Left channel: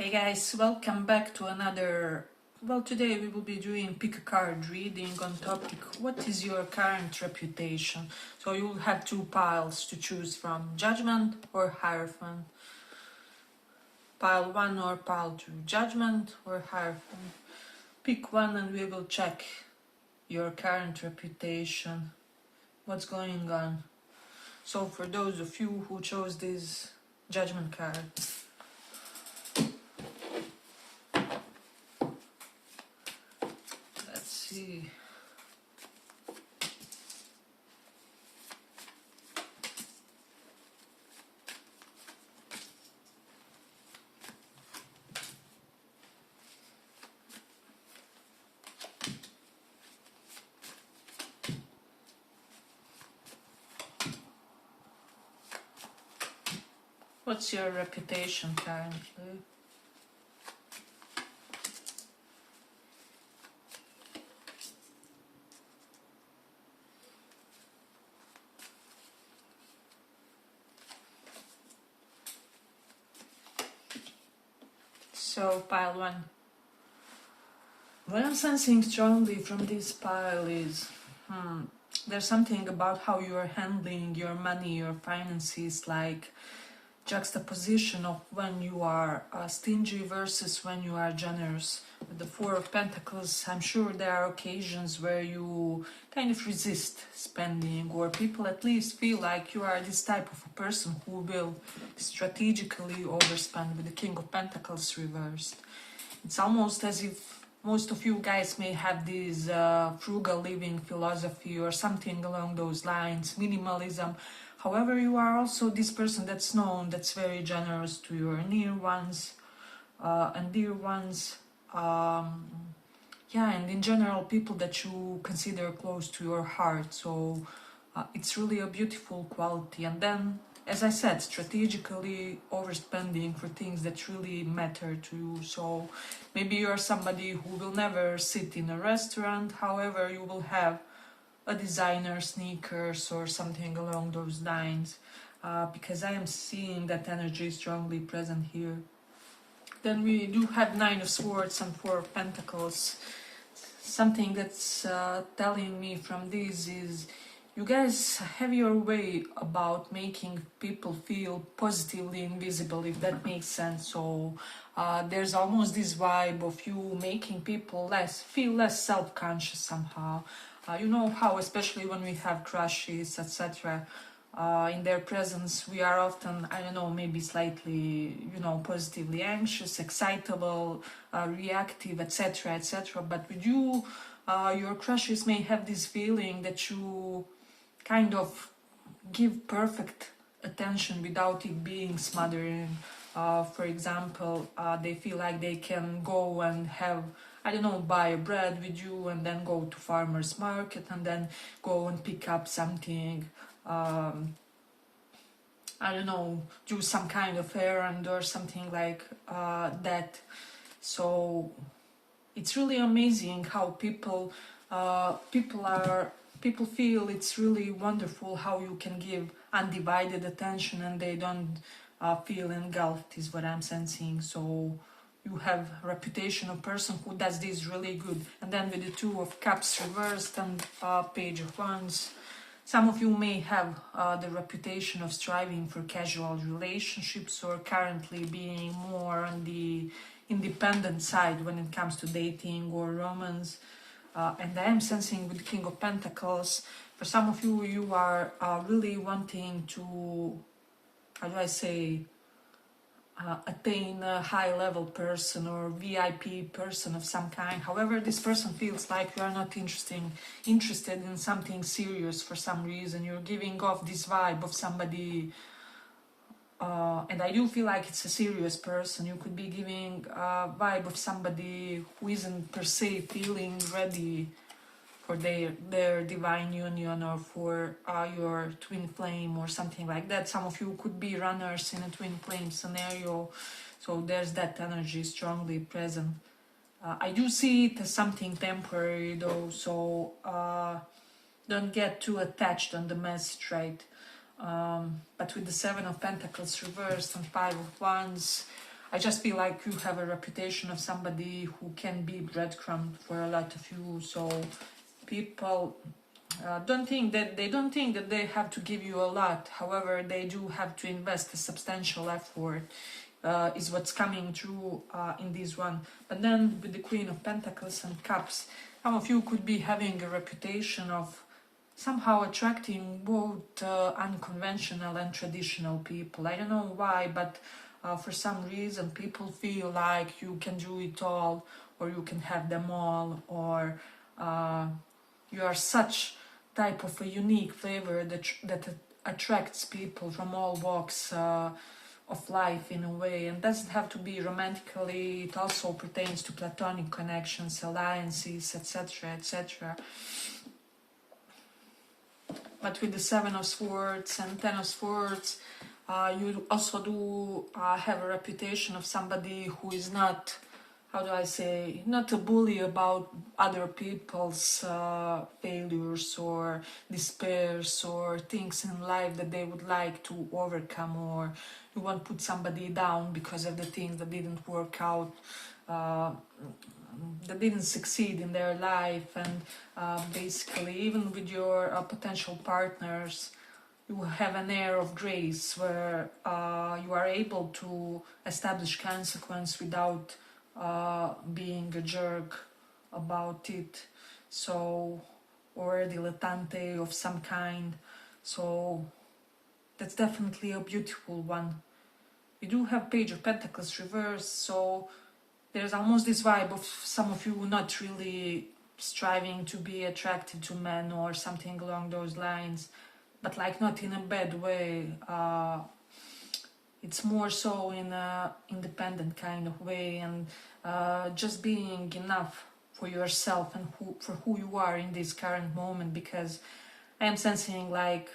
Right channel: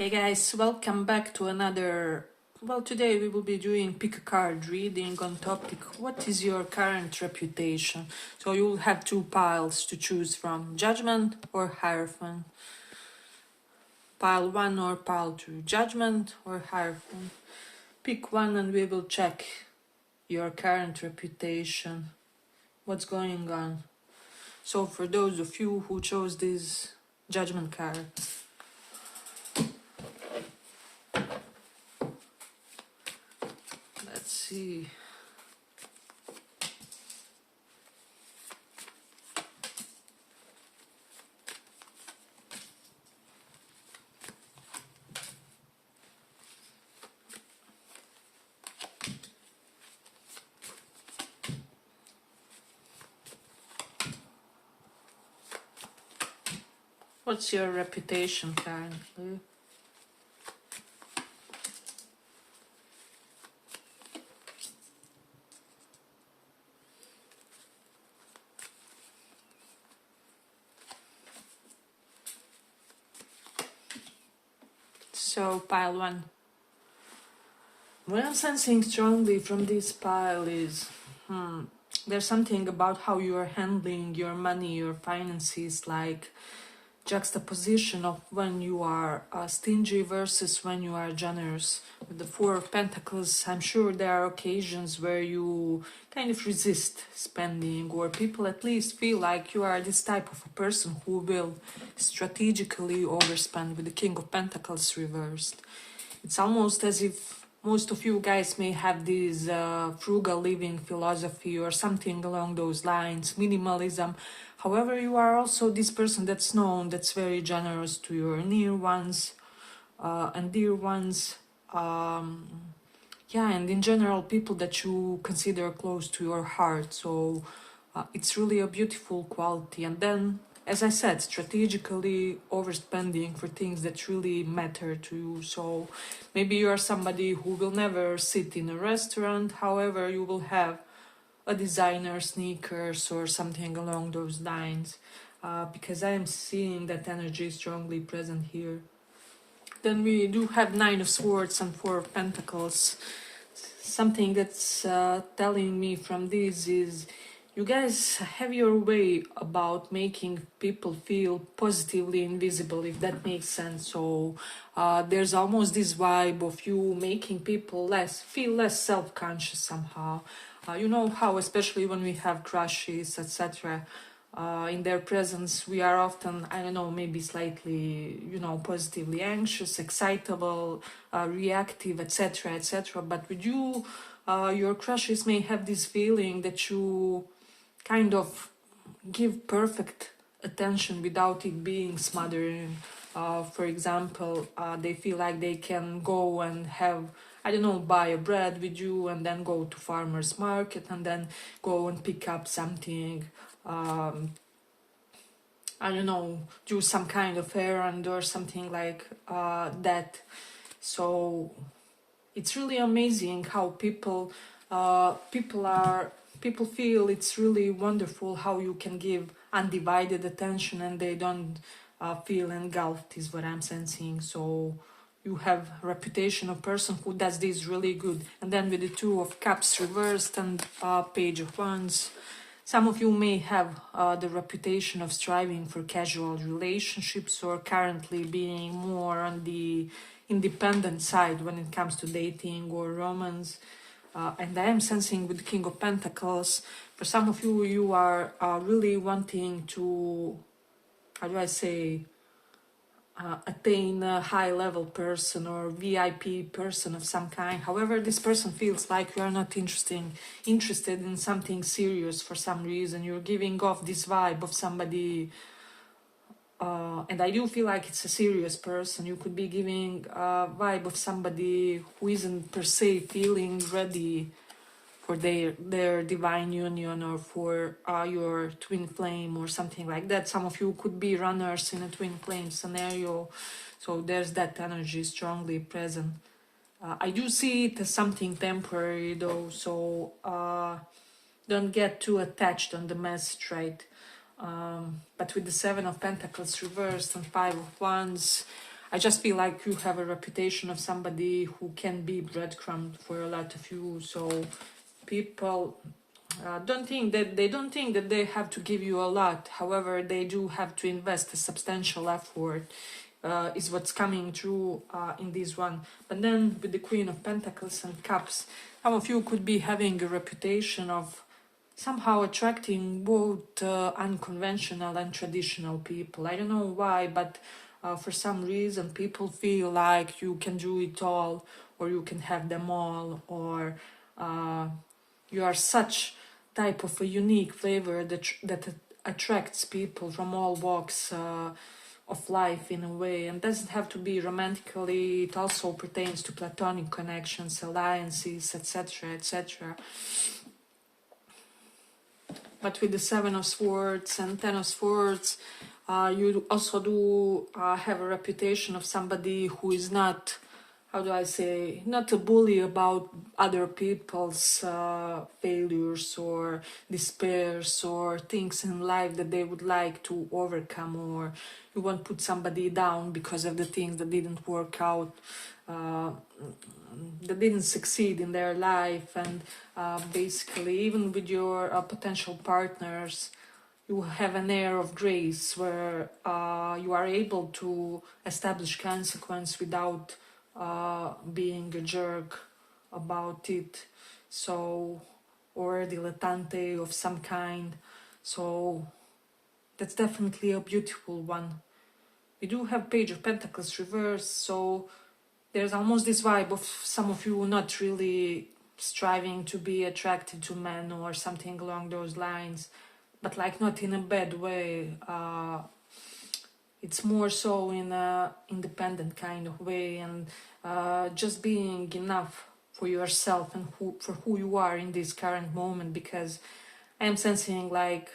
Hey guys, welcome back to another. Well, today we will be doing pick a card reading on topic what is your current reputation. So you will have two piles to choose from, judgment or hierophant. Pile 1 or pile 2, judgment or hierophant. Pick one and we will check your current reputation. What's going on? So for those of you who chose this judgment card, let's see. What's your reputation currently? So pile 1. What I'm sensing strongly from this pile is there's something about how you are handling your money, your finances, like juxtaposition of when you are stingy versus when you are generous. With the Four of Pentacles, I'm sure there are occasions where you kind of resist spending, or people at least feel like you are this type of a person who will strategically overspend. With the King of Pentacles reversed, it's almost as if most of you guys may have this frugal living philosophy or something along those lines, minimalism. However, you are also this person that's known, that's very generous to your near ones and dear ones. And in general, people that you consider close to your heart. So it's really a beautiful quality. And then, as I said, strategically overspending for things that really matter to you. So maybe you're somebody who will never sit in a restaurant, however, you will have a designer sneakers or something along those lines, because I am seeing that energy strongly present here. Then we do have Nine of Swords and Four of Pentacles. Something that's telling me from this is you guys have your way about making people feel positively invisible, if that makes sense. So there's almost this vibe of you making people feel less self-conscious somehow. You know how, especially when we have crushes, etc., in their presence, we are often, I don't know, maybe slightly, positively anxious, excitable, reactive, etc., etc. But with you, your crushes may have this feeling that you kind of give perfect attention without it being smothering. For example, they feel like they can go and have, I don't know, buy a bread with you and then go to farmer's market and then go and pick up something, I don't know, do some kind of errand or something like that. So it's really amazing how people feel it's really wonderful how you can give undivided attention and they don't feel engulfed, is what I'm sensing. So you have a reputation of person who does this really good. And then with the Two of Cups reversed and Page of Wands, some of you may have the reputation of striving for casual relationships or currently being more on the independent side when it comes to dating or romance. And I am sensing with the King of Pentacles, for some of you, you are really wanting to, how do I say, attain a high-level person or VIP person of some kind. However, this person feels like you are not interested in something serious for some reason. You're giving off this vibe of somebody, and I do feel like it's a serious person. You could be giving a vibe of somebody who isn't per se feeling ready for their divine union or for your twin flame or something like that. Some of you could be runners in a twin flame scenario, so there's that energy strongly present. I do see it as something temporary though, so don't get too attached on the message, right? But with the Seven of Pentacles reversed and Five of Wands, I just feel like you have a reputation of somebody who can be breadcrumb for a lot of you. So people don't think that they have to give you a lot. However, they do have to invest a substantial effort. Is what's coming through in this one. But then with the Queen of Pentacles and Cups, some of you could be having a reputation of somehow attracting both unconventional and traditional people. I don't know why, but for some reason people feel like you can do it all, or you can have them all, or you are such type of a unique flavor that attracts people from all walks of life in a way, and doesn't have to be romantically. It also pertains to platonic connections, alliances, etc., etc. But with the Seven of Swords and Ten of Swords, you also do have a reputation of somebody who is not, how do I say, not a bully about other people's failures or despairs or things in life that they would like to overcome, or you won't put somebody down because of the things that didn't work out, that didn't succeed in their life. And basically, even with your potential partners, you have an air of grace where you are able to establish consequence without being a jerk about it, so, or a dilettante of some kind. So that's definitely a beautiful one. We do have Page of Pentacles reversed, so there's almost this vibe of some of you not really striving to be attracted to men or something along those lines, but like not in a bad way. It's more so in a independent kind of way, and just being enough for yourself and for who you are in this current moment, because I am sensing like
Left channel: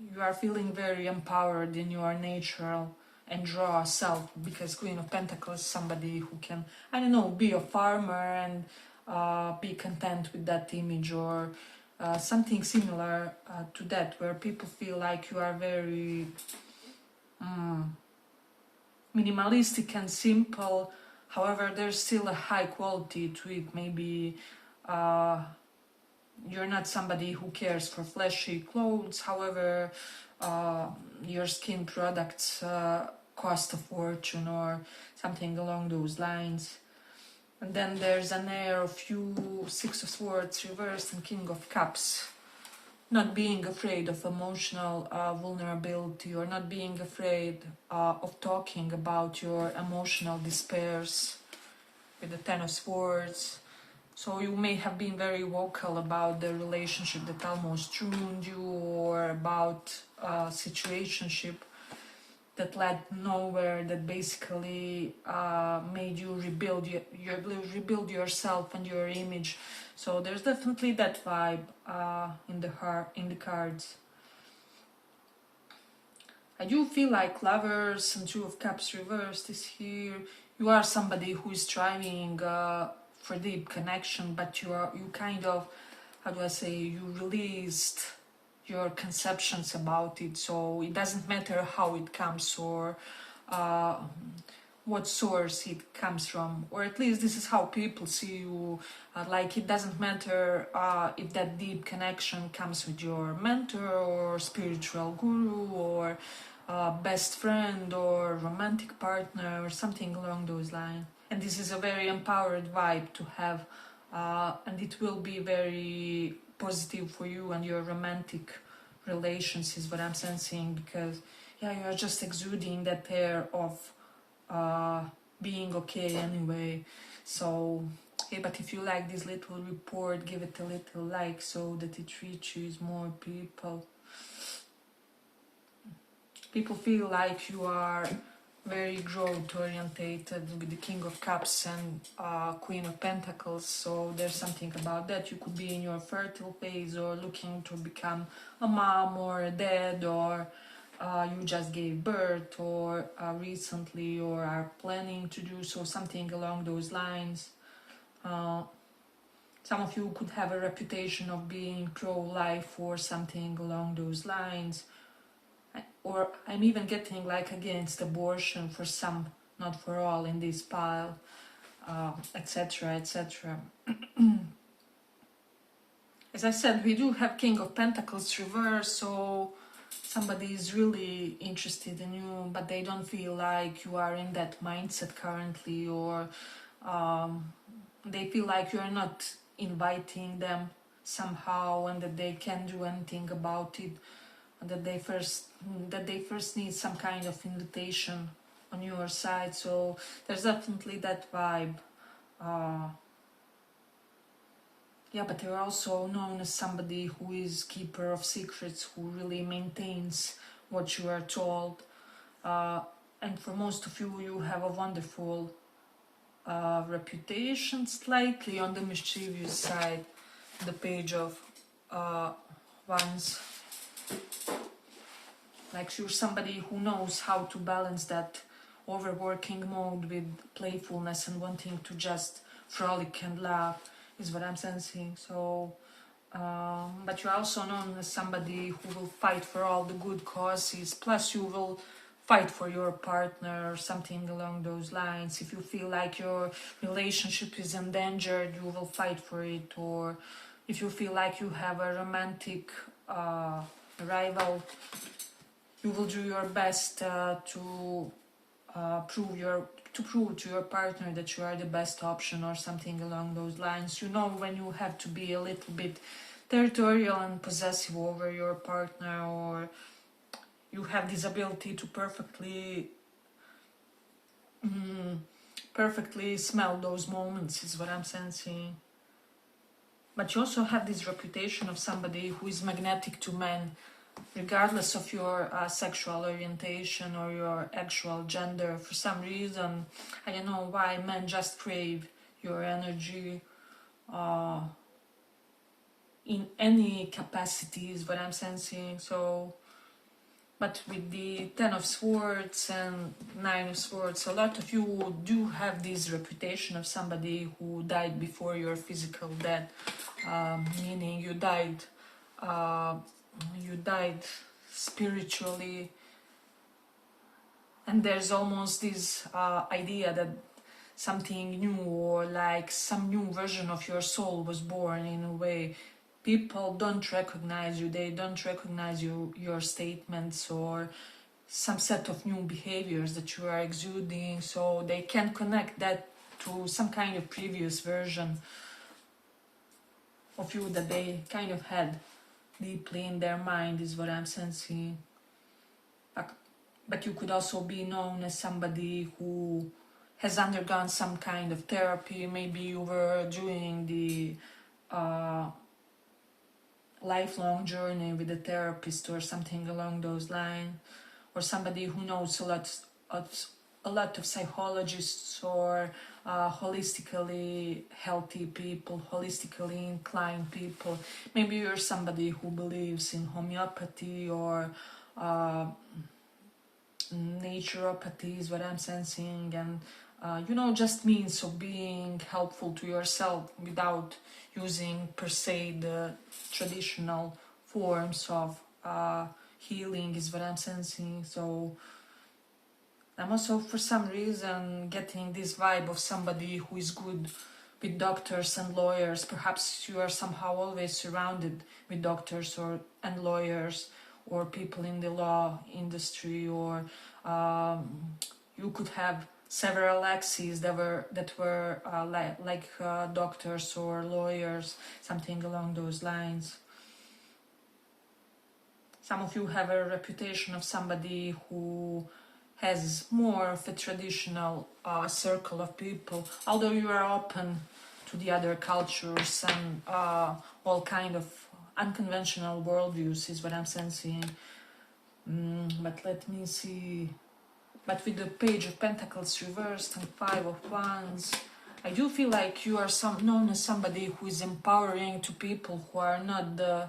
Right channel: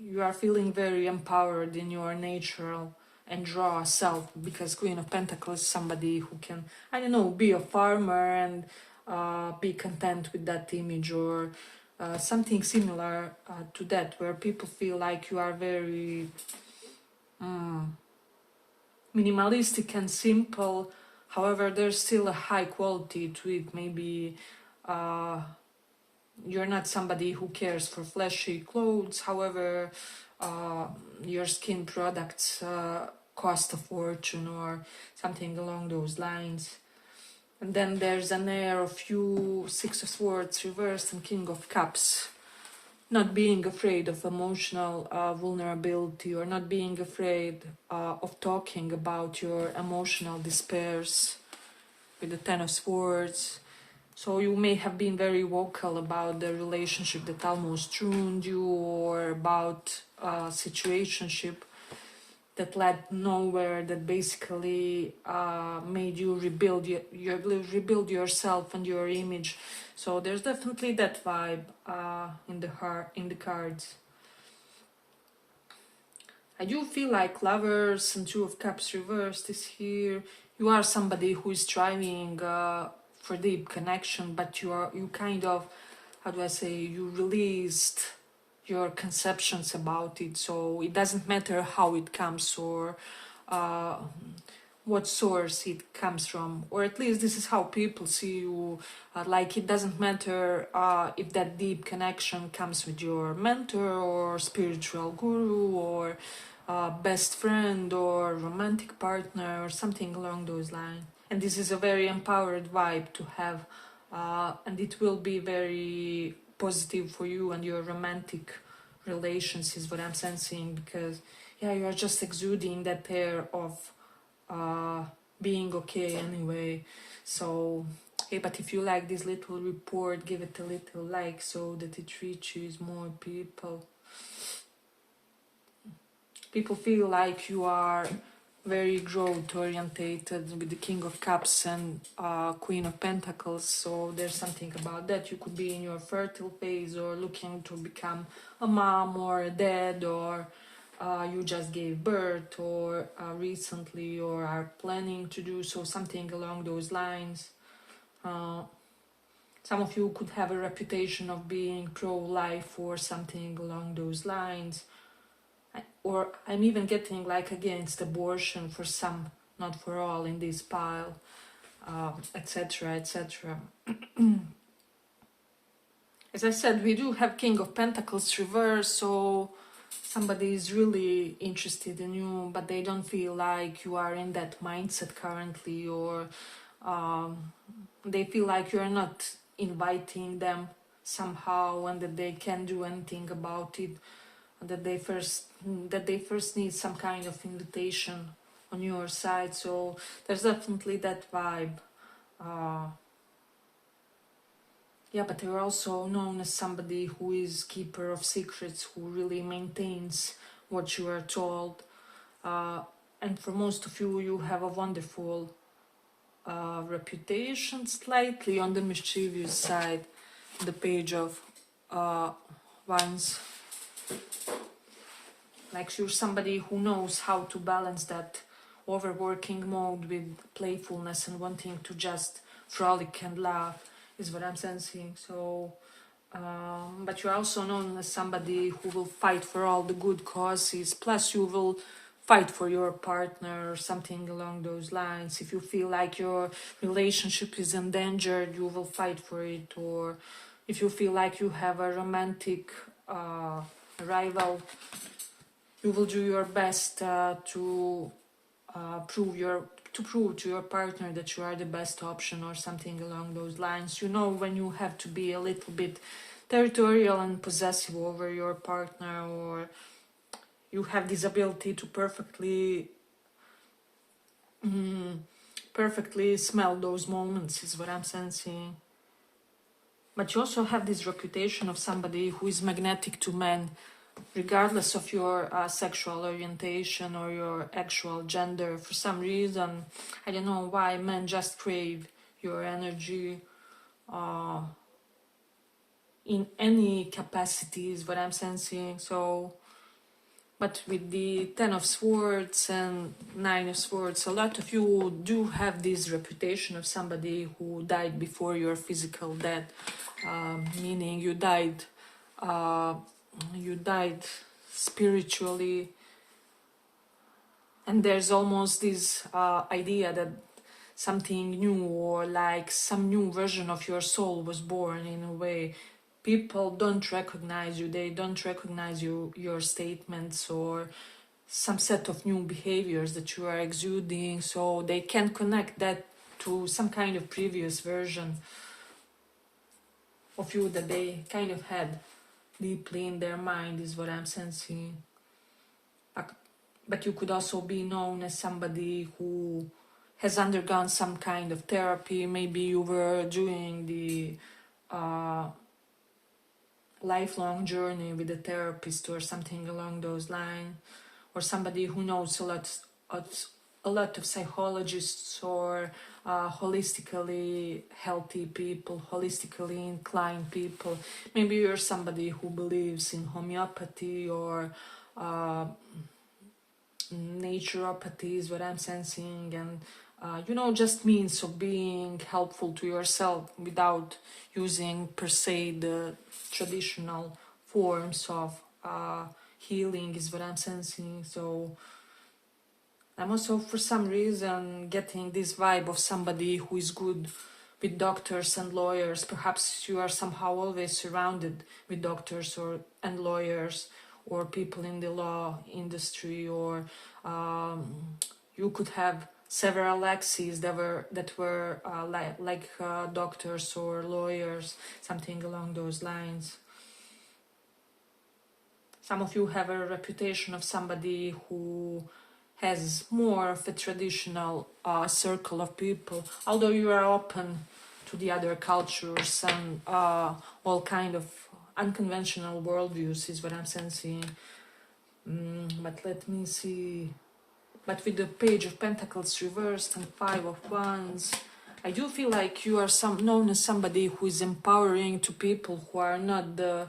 you are feeling very empowered in your natural and raw self, because Queen of Pentacles is somebody who can, I don't know, be a farmer and be content with that image, or something similar to that, where people feel like you are very minimalistic and simple. However, there's still a high quality to it. Maybe you're not somebody who cares for flashy clothes. However, your skin products cost a fortune or something along those lines. And then there's an air of you, Six of Swords reversed and King of Cups. Not being afraid of emotional vulnerability, or not being afraid of talking about your emotional despairs with the Ten of Swords. So you may have been very vocal about the relationship that almost ruined you, or about a situationship that led nowhere, that basically made you rebuild yourself and your image. So there's definitely that vibe in the cards. I do feel like Lovers and Two of Cups reversed is here. You are somebody who is striving for deep connection, but you kind of, how do I say, you released your conceptions about it, so it doesn't matter how it comes, or what source it comes from, or at least this is how people see you. Like, it doesn't matter if that deep connection comes with your mentor or spiritual guru, or best friend or romantic partner, or something along those lines. And this is a very empowered vibe to have, and it will be very positive for you and your romantic relations, is what I'm sensing, because yeah, you are just exuding that air of being okay anyway. So hey, but if you like this little report, give it a little like so that it reaches more people. People feel like you are very growth orientated with the King of Cups and Queen of Pentacles, so there's something about that. You could be in your fertile phase, or looking to become a mom or a dad, or you just gave birth, or recently, or are planning to do so, something along those lines. Some of you could have a reputation of being pro-life or something along those lines. or I'm even getting like against abortion for some, not for all in this pile, etc., etc. As I said, we do have King of Pentacles reverse, so somebody is really interested in you, but they don't feel like you are in that mindset currently, or they feel like you're not inviting them somehow, and that they can't do anything about it, that they first need some kind of invitation on your side. So there's definitely that vibe. Yeah, but you're also known as somebody who is keeper of secrets, who really maintains what you are told. And for most of you, you have a wonderful reputation, slightly on the mischievous side. The Page of Wands. Like you're somebody who knows how to balance that overworking mode with playfulness and wanting to just frolic and laugh, is what I'm sensing. So, but you're also known as somebody who will fight for all the good causes, plus you will fight for your partner or something along those lines. If you feel like your relationship is endangered, you will fight for it. Or if you feel like you have a romantic rival, you will do your best to prove to your partner that you are the best option, or something along those lines. You know when you have to be a little bit territorial and possessive over your partner, or you have this ability to perfectly smell those moments, is what I'm sensing. But you also have this reputation of somebody who is magnetic to men, regardless of your sexual orientation or your actual gender. For some reason, I don't know why, men just crave your energy in any capacity, is what I'm sensing. So, but with the Ten of Swords and Nine of Swords, a lot of you do have this reputation of somebody who died before your physical death, meaning you died spiritually, and there's almost this idea that something new, or like some new version of your soul was born in a way. People don't recognize you, they don't recognize your statements or some set of new behaviors that you are exuding, so they can connect that to some kind of previous version of you that they kind of had deeply in their mind, is what I'm sensing. But you could also be known as somebody who has undergone some kind of therapy. Maybe you were doing the lifelong journey with a therapist or something along those lines, or somebody who knows a lot of psychologists or holistically healthy people, holistically inclined people. Maybe you're somebody who believes in homeopathy or naturopathy, is what I'm sensing, and just means of being helpful to yourself without using per se the traditional forms of healing, is what I'm sensing. So I'm also for some reason getting this vibe of somebody who is good with doctors and lawyers. Perhaps you are somehow always surrounded with doctors and lawyers, or people in the law industry, or you could have several exes that were like doctors or lawyers, something along those lines. Some of you have a reputation of somebody who has more of a traditional circle of people, although you are open to the other cultures and all kind of unconventional worldviews, is what I'm sensing. But let me see. But with the Page of Pentacles reversed and Five of Wands, I do feel like you are known as somebody who is empowering to people who are not the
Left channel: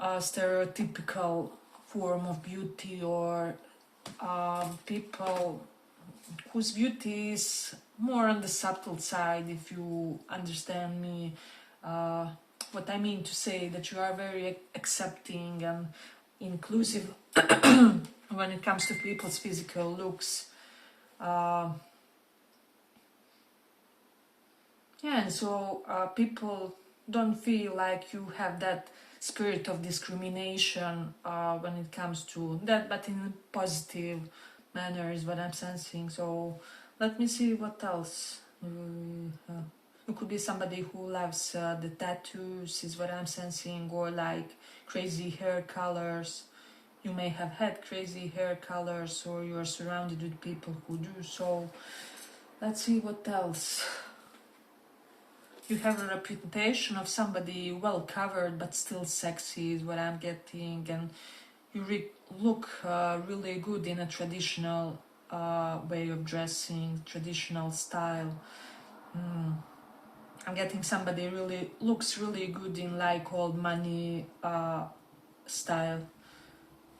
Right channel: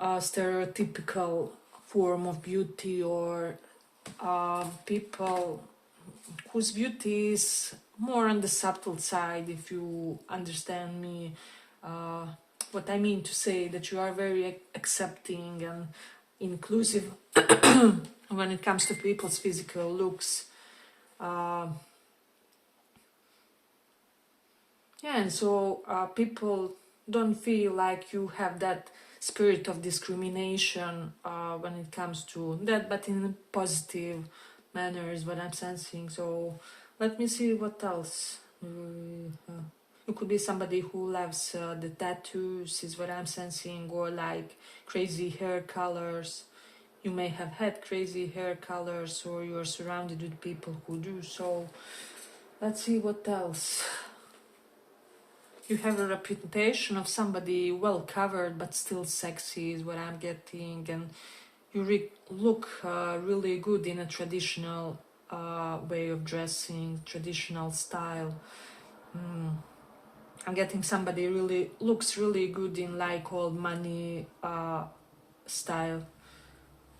stereotypical form of beauty, or people whose beauty is more on the subtle side, if you understand me. What I mean to say, that you are very accepting, and inclusive when it comes to people's physical looks. Yeah, and so people don't feel like you have that spirit of discrimination when it comes to that, but in a positive manner is what I'm sensing. So let me see what else. It could be somebody who loves the tattoos, is what I'm sensing, or like crazy hair colors. You may have had crazy hair colors, or you're surrounded with people who do so. Let's see what else. You have a reputation of somebody well covered but still sexy, is what I'm getting, and you look really good in a traditional way of dressing, traditional style. I'm getting somebody really looks really good in like old money style,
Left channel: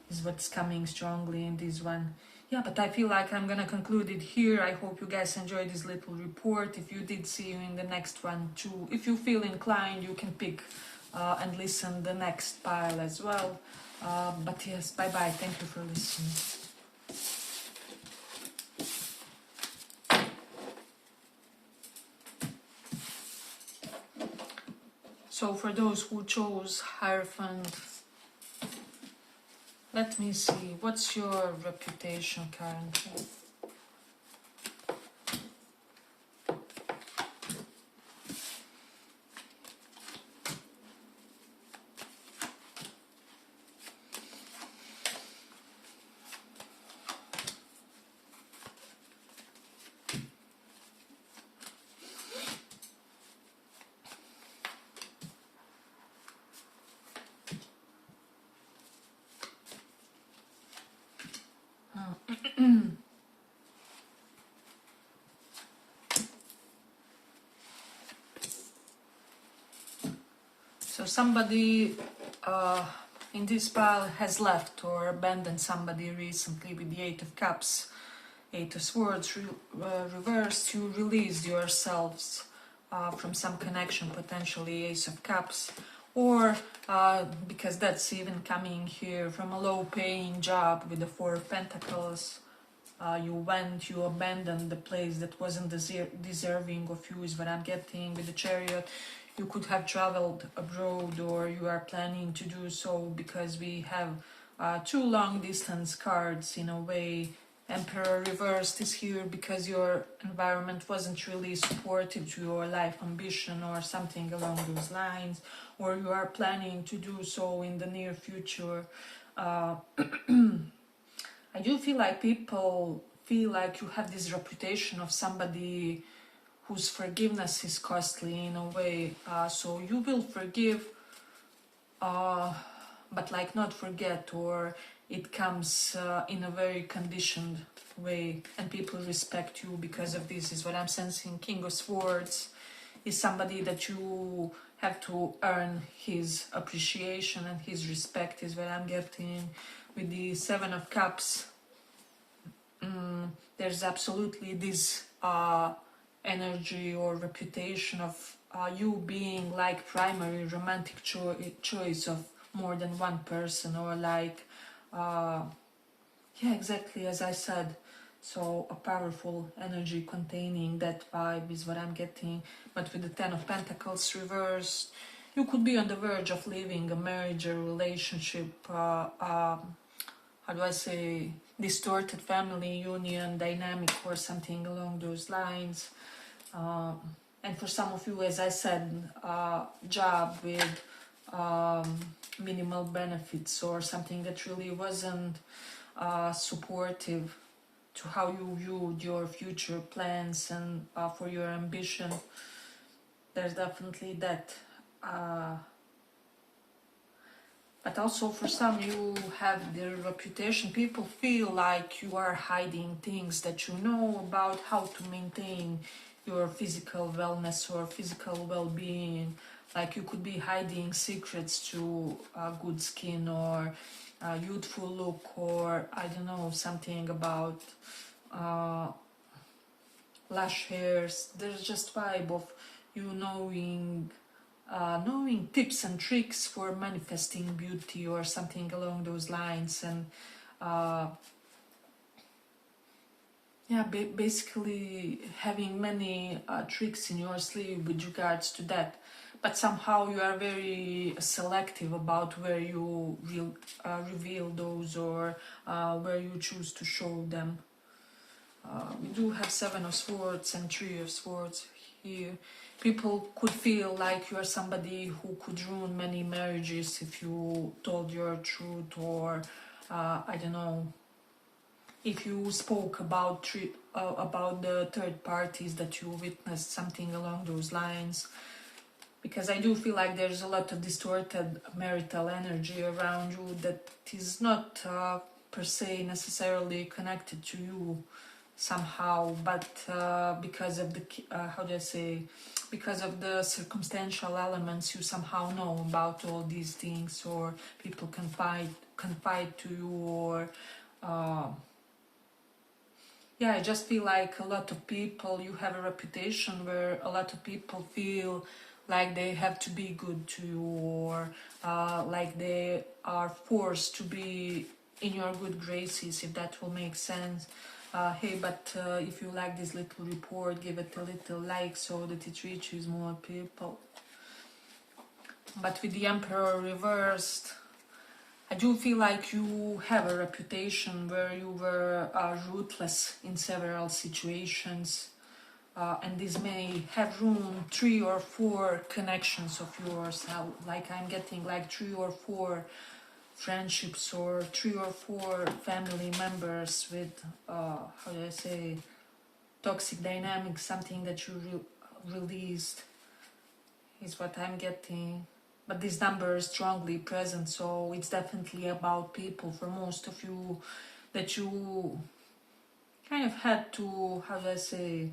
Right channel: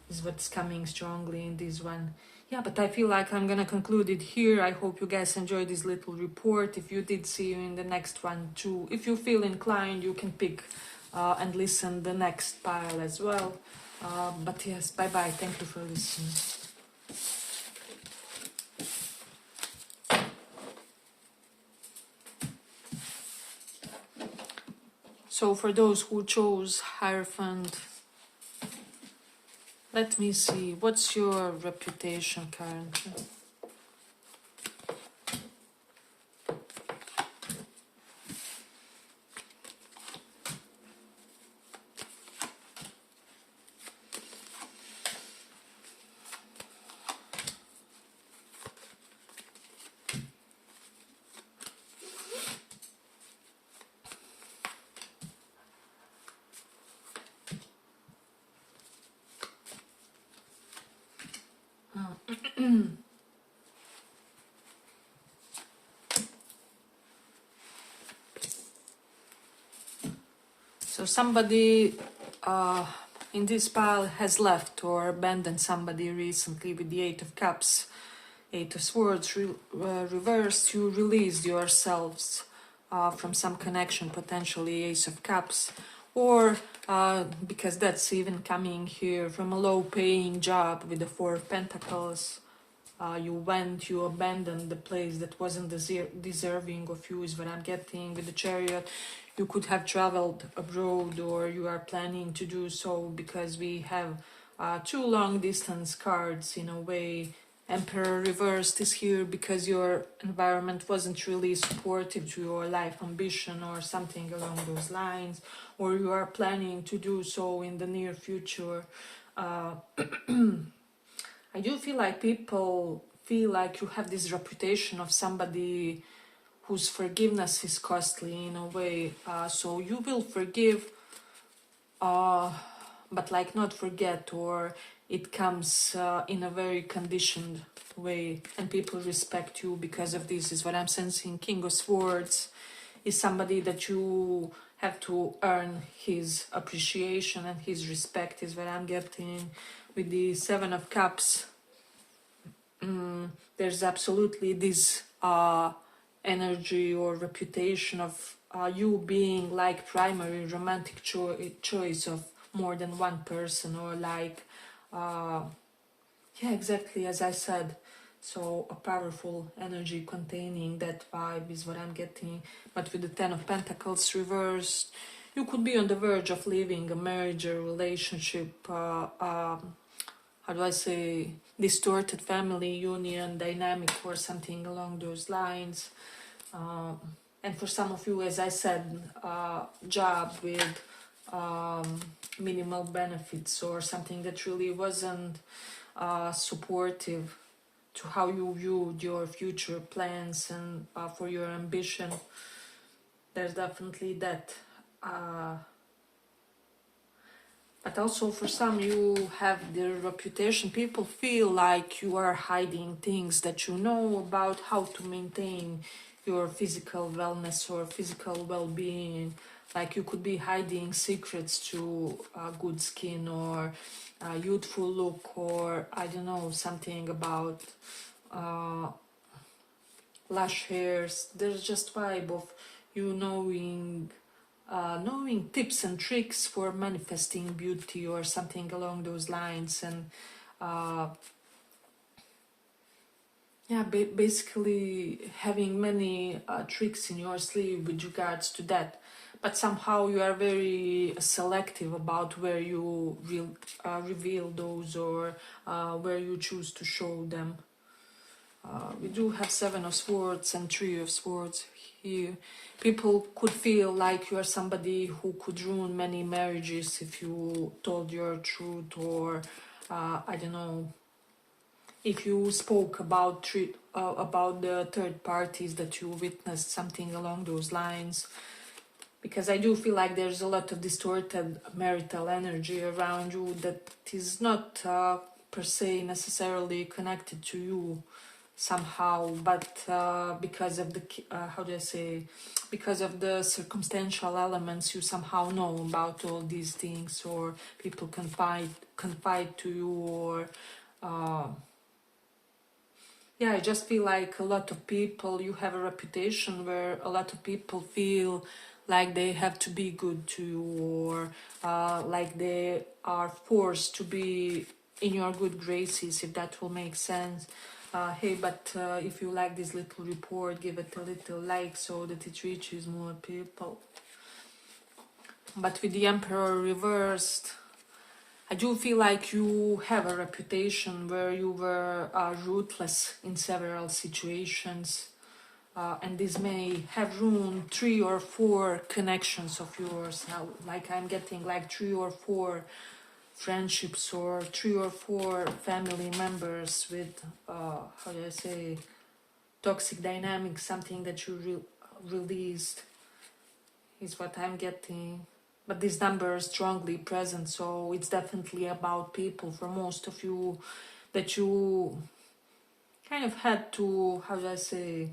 is what's coming strongly in this one. Yeah, but I feel like I'm gonna conclude it here. I hope you guys enjoyed this little report. If you did, see you in the next one too. If you feel inclined, you can pick and listen the next pile as well. But yes, bye bye. Thank you for listening. So for those who chose Hierophant, let me see, what's your reputation currently? So somebody in this pile has left or abandoned somebody recently with the Eight of Cups, Eight of Swords reversed. You released yourselves from some connection, potentially Ace of Cups, or because that's even coming here from a low-paying job with the Four of Pentacles. You abandoned the place that wasn't deserving of you, is what I'm getting with the Chariot. You could have traveled abroad, or you are planning to do so, because we have two long distance cards in a way. Emperor reversed is here because your environment wasn't really supportive to your life ambition or something along those lines, or you are planning to do so in the near future. I do feel like people feel like you have this reputation of somebody whose forgiveness is costly in a way. So you will forgive, but like not forget, or it comes in a very conditioned way, and people respect you because of this, is what I'm sensing. King of Swords is somebody that you have to earn his appreciation and his respect, is what I'm getting. With the Seven of Cups, there's absolutely this energy or reputation of you being like primary romantic choice of more than one person, or like yeah, exactly as I said. So a powerful energy containing that vibe is what I'm getting. But with the Ten of Pentacles reversed, you could be on the verge of leaving a marriage or relationship, how do I say, distorted family union dynamic or something along those lines. And for some of you, as I said, job with minimal benefits, or something that really wasn't supportive to how you viewed your future plans and for your ambition. There's definitely that. But also for some, you have the reputation. People feel like you are hiding things that you know about how to maintain your physical wellness or physical well-being. Like you could be hiding secrets to good skin, or youthful look, or I don't know, something about lush hairs. There's just vibe of you knowing knowing tips and tricks for manifesting beauty or something along those lines. And yeah, basically having many tricks in your sleeve with regards to that. But somehow you are very selective about where you will reveal those, or where you choose to show them. We do have Seven of Swords and Three of Swords here. People could feel like you are somebody who could ruin many marriages if you told your truth, or I don't know, if you spoke about the third parties that you witnessed, something along those lines. Because I do feel like there's a lot of distorted marital energy around you that is not per se necessarily connected to you somehow, but because of the how do I say, because of the circumstantial elements, you somehow know about all these things, or people confide to you, or yeah, I just feel like a lot of people, you have a reputation where a lot of people feel like they have to be good to you, or like they are forced to be in your good graces, if that will make sense. Hey, but if you like this little report, give it a little like so that it reaches more people. But with the Emperor reversed, I do feel like you have a reputation where you were ruthless in several situations, and this may have ruined 3 or 4 connections of yours. Like I'm getting like 3 or 4 friendships, or 3 or 4 family members with, how do I say, toxic dynamics, something that you released, is what I'm getting. But this number is strongly present, so it's definitely about people for most of you, that you kind of had to, how do I say,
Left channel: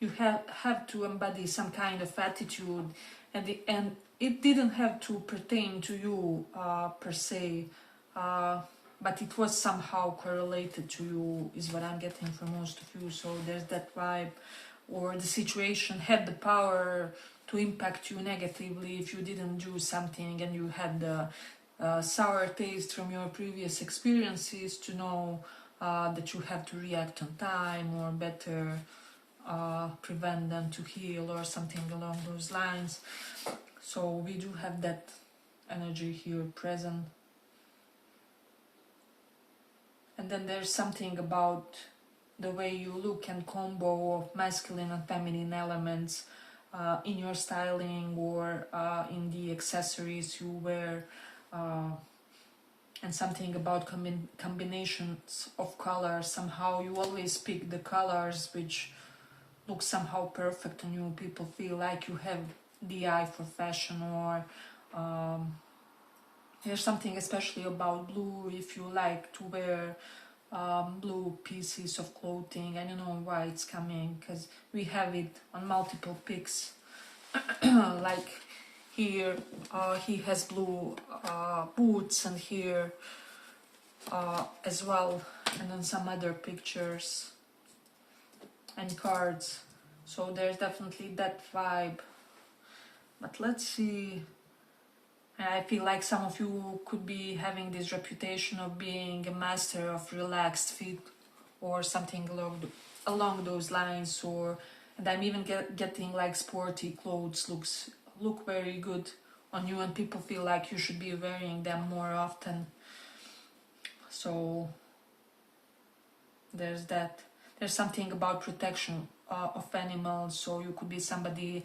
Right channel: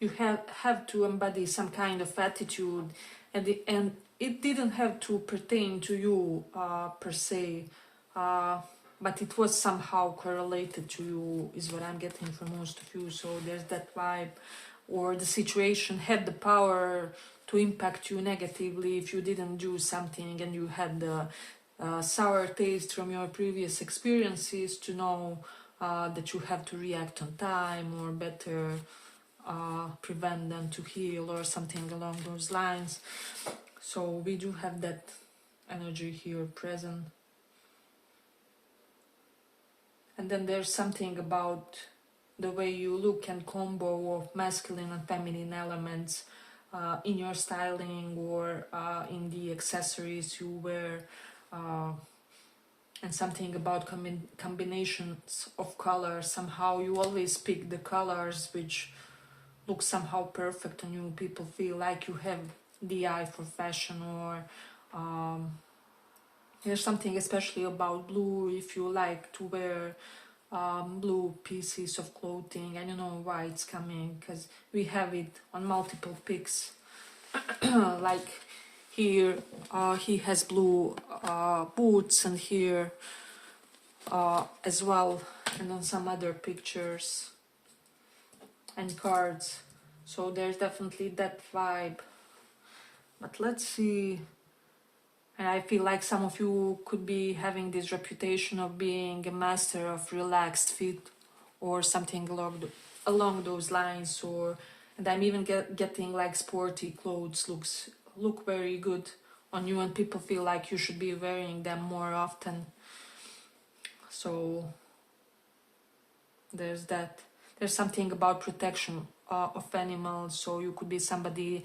you have to embody some kind of attitude, and it didn't have to pertain to you per se, but it was somehow correlated to you, is what I'm getting from most of you. So there's that vibe, or the situation had the power to impact you negatively if you didn't do something, and you had the sour taste from your previous experiences to know that you have to react on time, or better prevent them to heal, or something along those lines. So we do have that energy here present. And then there's something about the way you look and combo of masculine and feminine elements in your styling, or in the accessories you wear, and something about combinations of colors. Somehow you always pick the colors which look somehow perfect on you. People feel like you have the eye for fashion, or there's something especially about blue, if you like to wear blue pieces of clothing, and you know why it's coming, because we have it on multiple pics. Like here he has blue boots, and here as well, and on some other pictures and cards. So there's definitely that vibe. But let's see. And I feel like some of you could be having this reputation of being a master of relaxed fit, or something along those lines. Or, and I'm even getting like sporty clothes look very good on you, and people feel like you should be wearing them more often. So there's that. There's something about protection of animals. So you could be somebody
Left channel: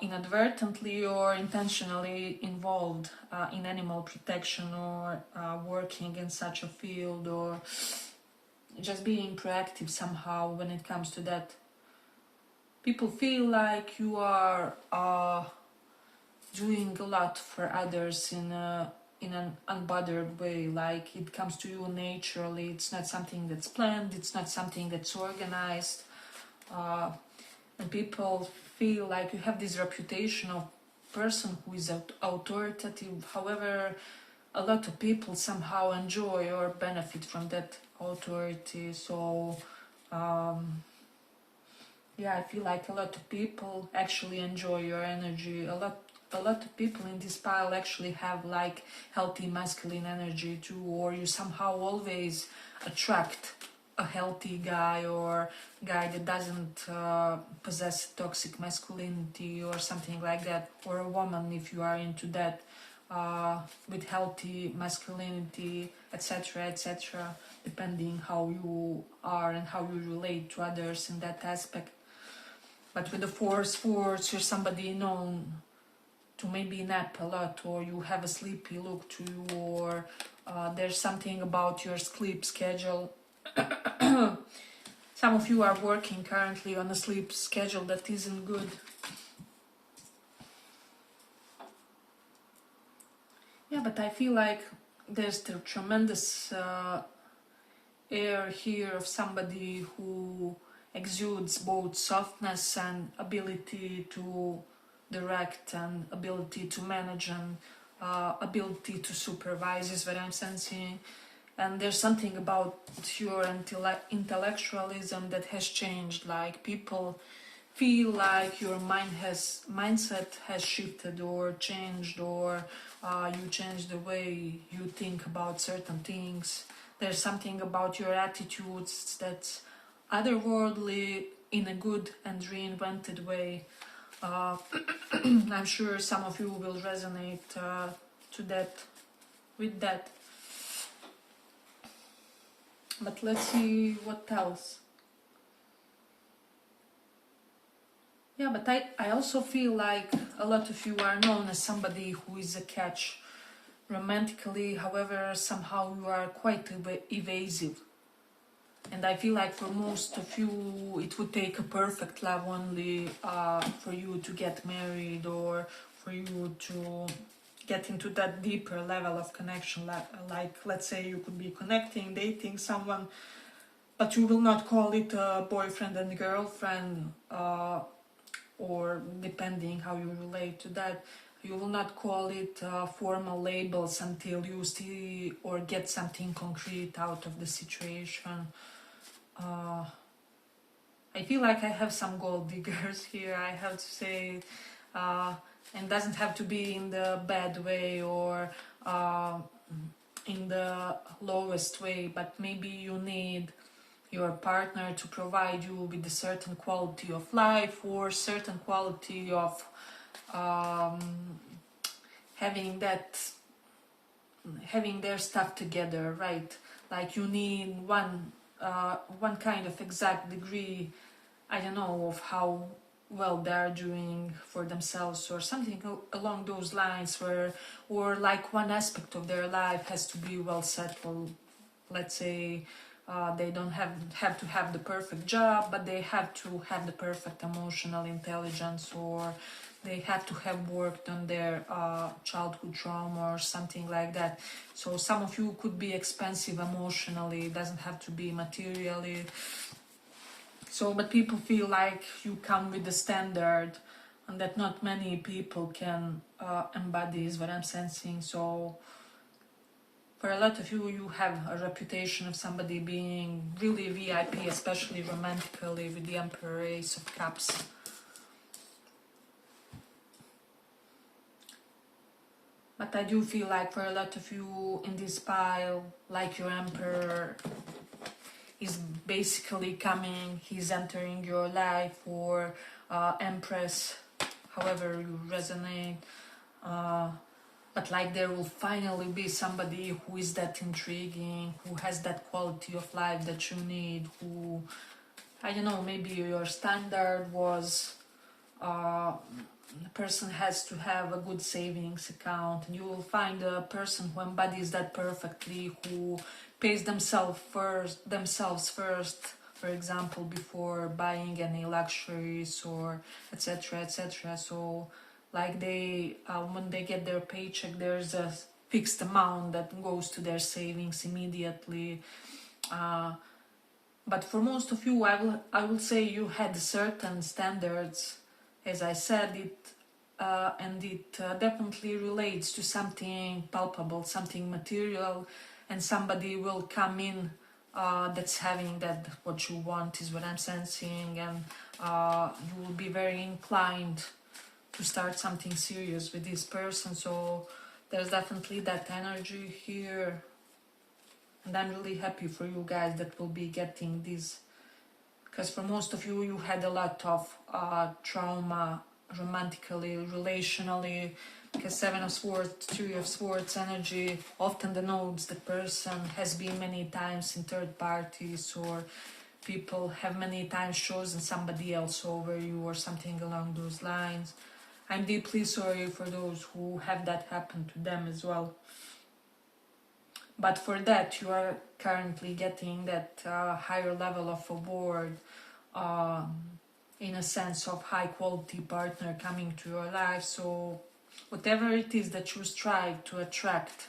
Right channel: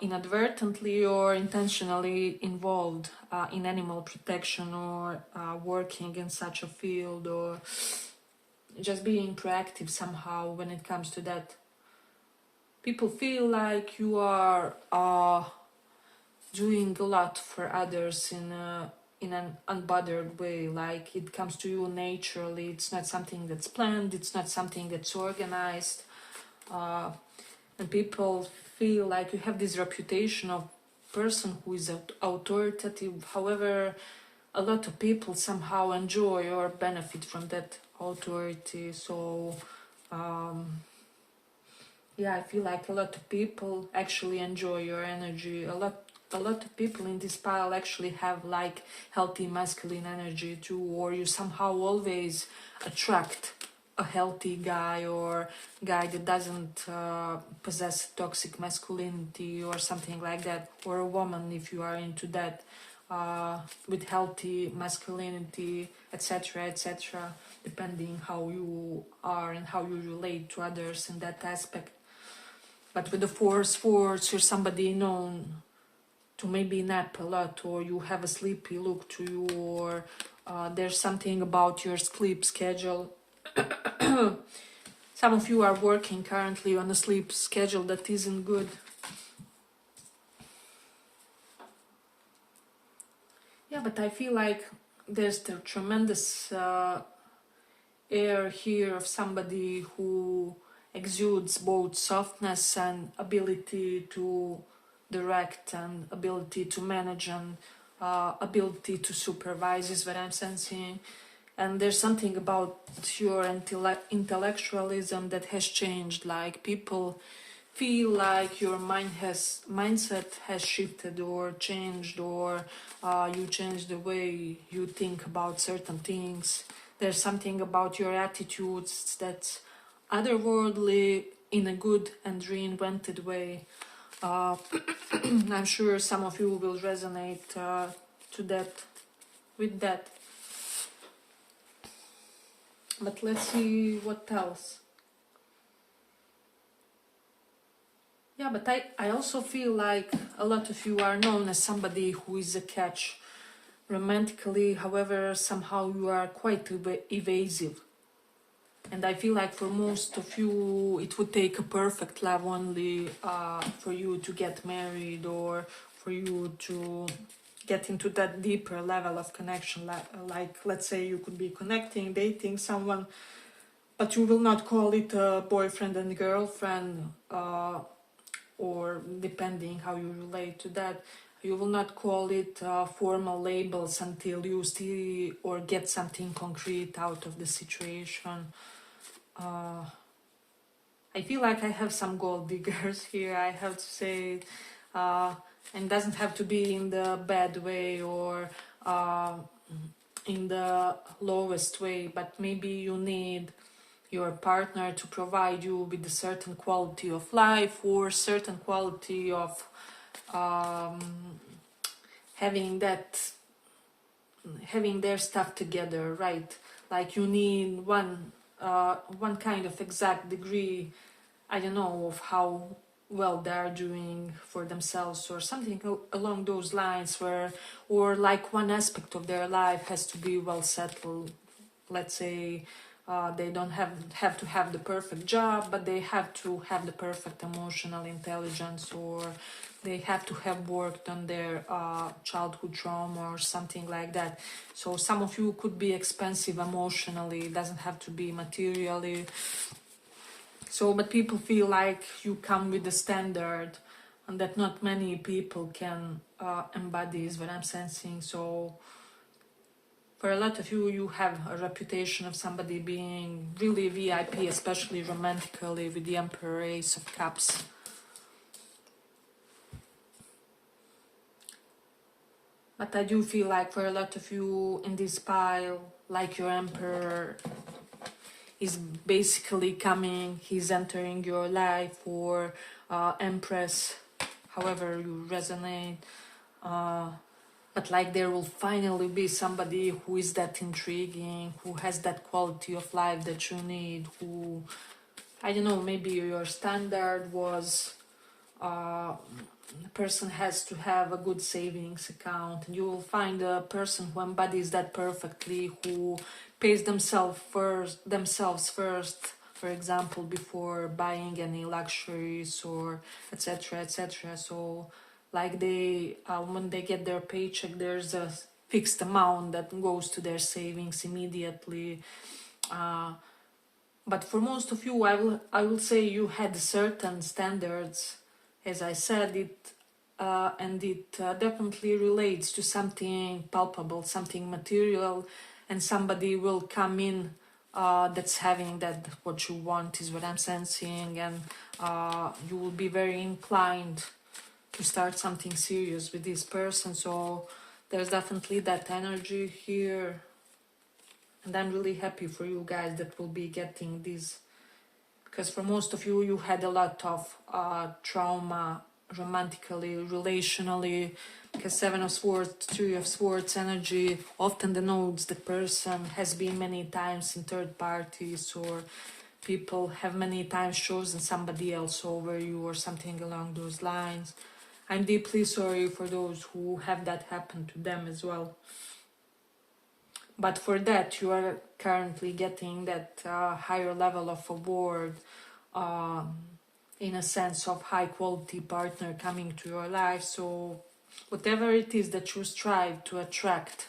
inadvertently or intentionally involved in animal protection, or working in such a field, or just being proactive somehow when it comes to that. People feel like you are doing a lot for others in an unbothered way, like it comes to you naturally. It's not something that's planned, it's not something that's organized, and people feel like you have this reputation of person who is authoritative. However, a lot of people somehow enjoy or benefit from that authority. So Yeah, I feel like a lot of people actually enjoy your energy. A lot of people in this pile actually have like healthy masculine energy too, or you somehow always attract a healthy guy or guy that doesn't possess toxic masculinity or something like that, or a woman if you are into that, with healthy masculinity, etc., etc., depending how you are and how you relate to others in that aspect. But with the force, you're somebody known to maybe nap a lot, or you have a sleepy look to you, or there's something about your sleep schedule. Some of you are working currently on a sleep schedule that isn't good. Yeah, but I feel like there's the tremendous air here of somebody who exudes both softness and ability to direct and ability to manage and ability to supervise is what I'm sensing. And there's something about your intellectualism that has changed. Like people feel like your mindset has shifted or changed, or you changed the way you think about certain things. There's something about your attitudes that's otherworldly in a good and reinvented way. I'm sure some of you will resonate to that, with that. But let's see what else. Yeah, but I also feel like a lot of you are known as somebody who is a catch romantically. However, somehow you are quite evasive. And I feel like for most of you, it would take a perfect love only for you to get married, or for you to get into that deeper level of connection. Like let's say you could be connecting, dating someone, but you will not call it a boyfriend and girlfriend, or depending how you relate to that. You will not call it formal labels until you see or get something concrete out of the situation. I feel like I have some gold diggers here, I have to say, and doesn't have to be in the bad way or in the lowest way, but maybe you need your partner to provide you with a certain quality of life or certain quality of um, having their stuff together, right? Like you need one kind of exact degree, I don't know, of how well they are doing for themselves or something along those lines, where, or like one aspect of their life has to be well settled. Let's say they don't have to have the perfect job, but they have to have the perfect emotional intelligence, or they have to have worked on their childhood trauma or something like that. So some of you could be expensive emotionally, it doesn't have to be materially. So, but people feel like you come with a standard and that not many people can embody is what I'm sensing. So for a lot of you, you have a reputation of somebody being really VIP, especially romantically, with the Emperor, Ace of Cups. But I do feel like for a lot of you in this pile, like your Emperor is basically coming, he's entering your life, or Empress, however you resonate. But like there will finally be somebody who is that intriguing, who has that quality of life that you need, who, I don't know, maybe your standard was the person has to have a good savings account, and you will find a person who embodies that perfectly, who pays themselves first, for example, before buying any luxuries or etc., etc. So like they when they get their paycheck, there's a fixed amount that goes to their savings immediately. But for most of you, I will say you had certain standards, as I said it, and it definitely relates to something palpable, something material, and somebody will come in that's having that what you want is what I'm sensing, and you will be very inclined to start something serious with this person. So there's definitely that energy here, and I'm really happy for you guys that will be getting this, because for most of you, you had a lot of trauma romantically, relationally, because Seven of Swords, Three of Swords energy often denotes the person has been many times in third parties, or people have many times chosen somebody else over you or something along those lines. I'm deeply sorry for those who have that happen to them as well. But for that, you are currently getting that higher level of award, in a sense of high quality partner coming to your life. So whatever it is that you strive to attract,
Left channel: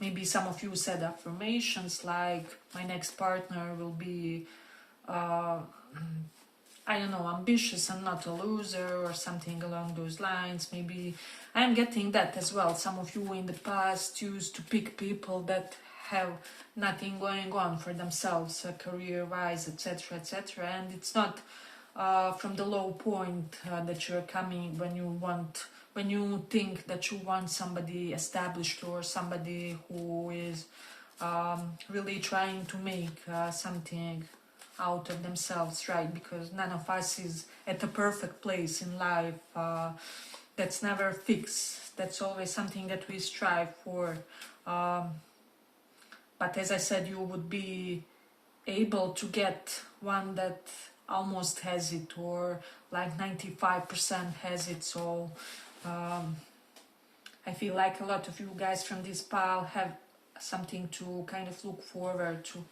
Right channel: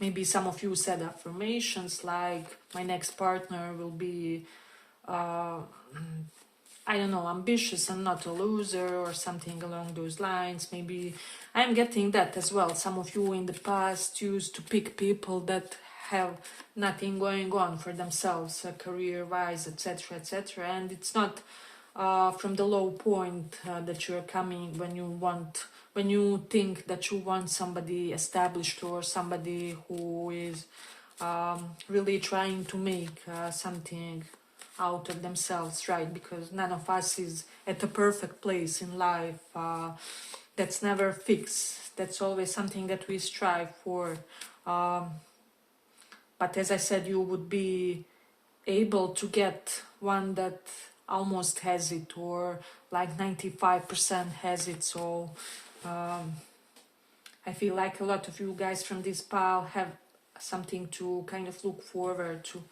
maybe some of you said affirmations like, my next partner will be, I don't know, ambitious and not a loser, or something along those lines. Maybe I'm getting that as well. Some of you in the past used to pick people that have nothing going on for themselves, career-wise, etc., etc. And it's not from the low point that you're coming when you think that you want somebody established, or somebody who is really trying to make something out of themselves, right? Because none of us is at a perfect place in life. That's never fixed. That's always something that we strive for. But as I said, you would be able to get one that almost has it, or like 95% has it. So I feel like a lot of you guys from this pile have something to kind of look forward to.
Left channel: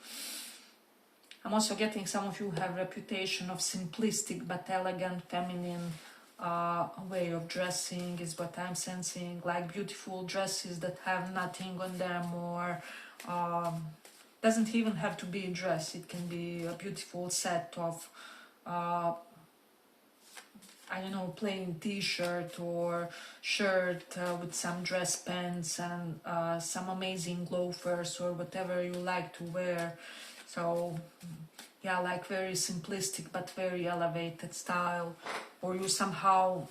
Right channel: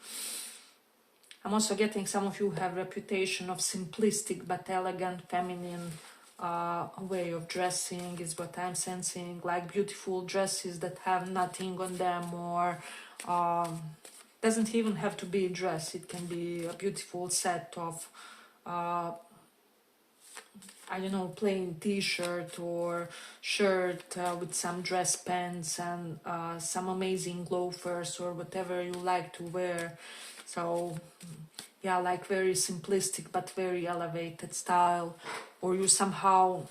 I'm also getting some of you have reputation of simplistic but elegant, feminine way of dressing is what I'm sensing, like beautiful dresses that have nothing on them, or doesn't even have to be a dress. It can be a beautiful set of I don't know, plain t-shirt or shirt with some dress pants and some amazing loafers, or whatever you like to wear. So yeah, like very simplistic but very elevated style. Or you somehow,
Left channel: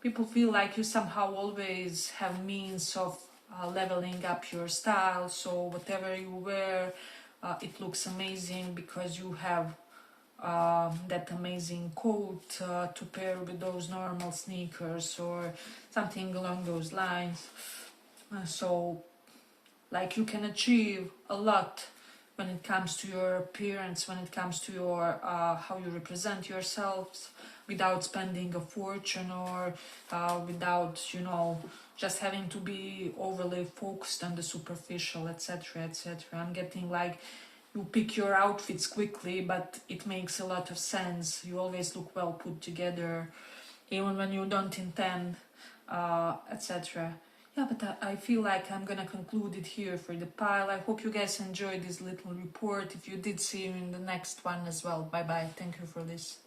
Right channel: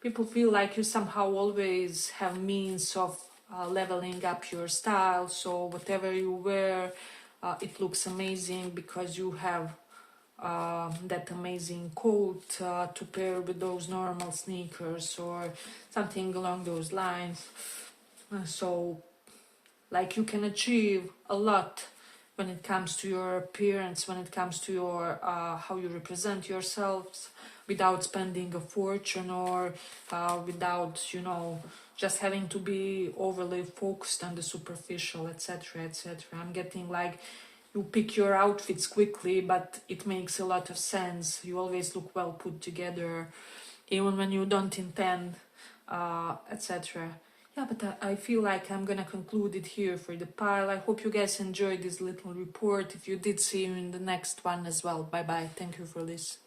people feel like you somehow always have means of leveling up your style. So whatever you wear, it looks amazing because you have that amazing coat to pair with those normal sneakers, or something along those lines. So like you can achieve a lot when it comes to your appearance, when it comes to your how you represent yourselves, without spending a fortune, or without, you know, just having to be overly focused on the superficial, etc., etc. I'm getting like you pick your outfits quickly, but it makes a lot of sense. You always look well put together, even when you don't intend, etc. Yeah, but I feel like I'm gonna conclude it here for the pile. I hope you guys enjoyed this little report. If you did, see you in the next one as well. Bye bye. Thank you for this.